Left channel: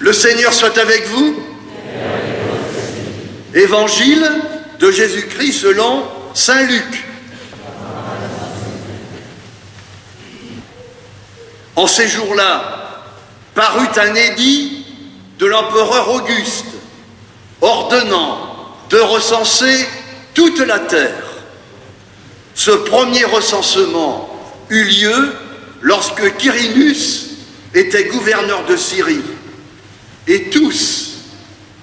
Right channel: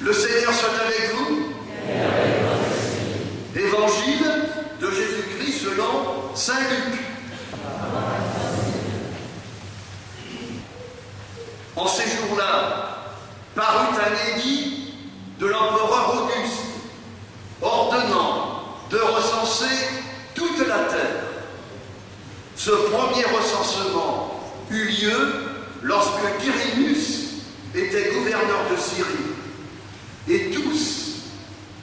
Le Seigneur soit avec vous. Évangile de Jésus-Christ selon saint Luc. En ces jours-là, parut un édit de l'empereur Auguste, ordonnant de recenser toute la terre. Ce premier recensement eut lieu lorsque Quirinus était gouverneur de Syrie, et tous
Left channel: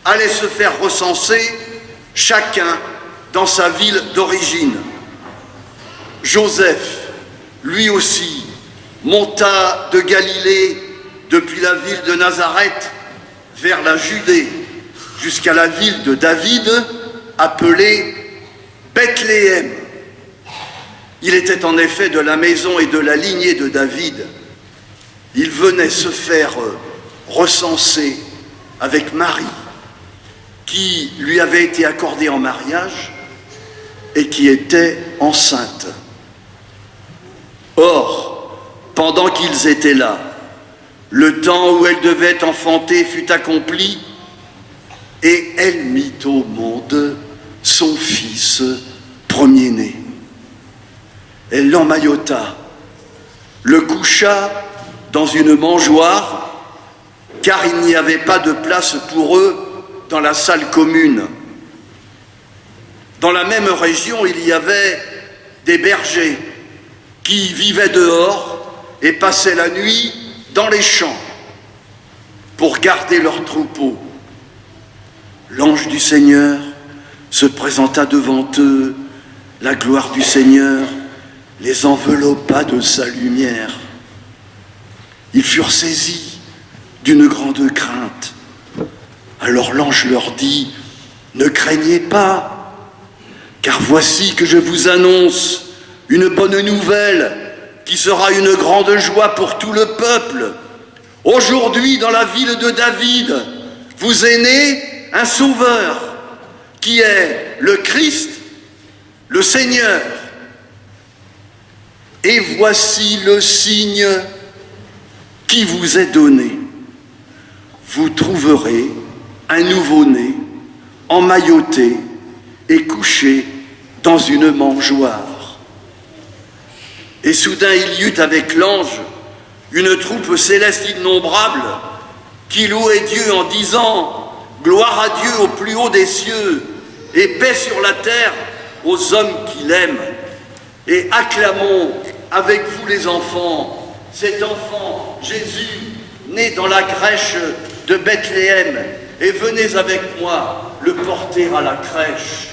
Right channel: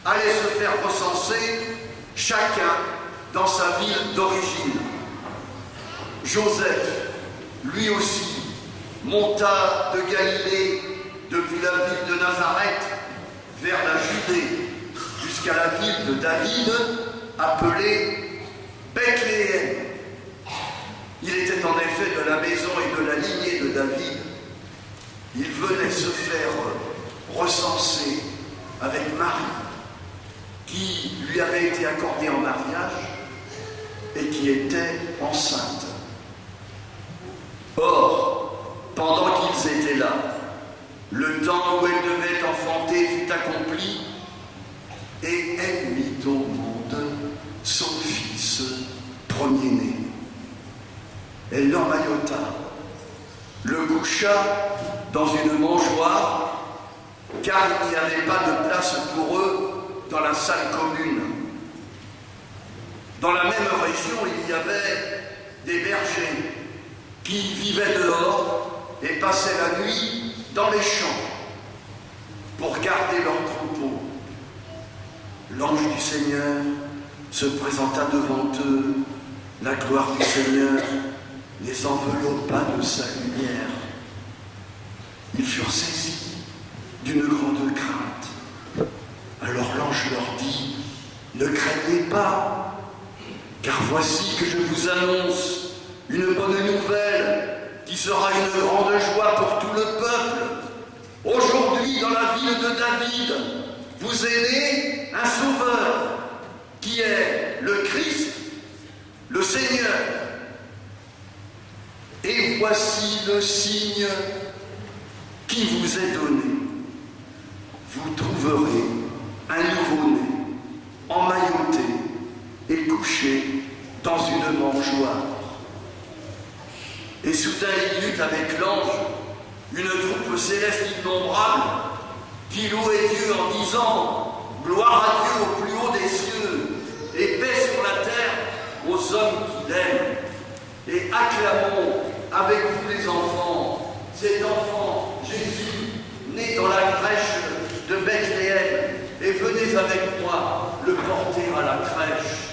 allaient se faire recenser, chacun dans sa ville d'origine. Joseph, lui aussi, monta de Galilée depuis la ville de Nazareth vers la Judée jusqu'à la ville de David appelée Bethléem. Il était en effet de la maison et de la lignée de David. Il venait se faire recenser avec Marie, qui lui avait été accordée en mariage et qui était enceinte. Or, pendant qu'ils étaient là, le temps où elle devait enfanter fut accompli, et elle mit au monde son fils premier-né. Elle l'emmaillota, le coucha dans une mangeoire, car il n'y avait pas de place pour eux dans la salle commune. Dans la même région, il y avait des bergers qui vivaient dehors et passaient la nuit dans les champs pour garder leurs troupeaux. L'ange du Seigneur se présenta devant eux, la gloire du Seigneur les enveloppa de sa lumière. Ils furent saisis d'une grande crainte. Alors l'ange leur dit: ne craignez pas, car voici que je vous annonce une bonne nouvelle qui sera une grande joie pour tout le peuple. Aujourd'hui, dans la ville de David, vous est né un sauveur, qui est le Christ, le Seigneur. Et voici le signe qui vous est donné. Vous trouverez un nouveau-né emmailloté et couché dans une mangeoire. Et soudain il y eut avec l'ange une troupe céleste innombrable qui louait Dieu en disant: gloire à Dieu au plus haut des cieux et paix sur la terre aux hommes qu'il aime. Et acclamons avec vous les enfants, cet enfant Jésus né dans la crèche de Bethléem, et venez avec moi le porter à la crèche.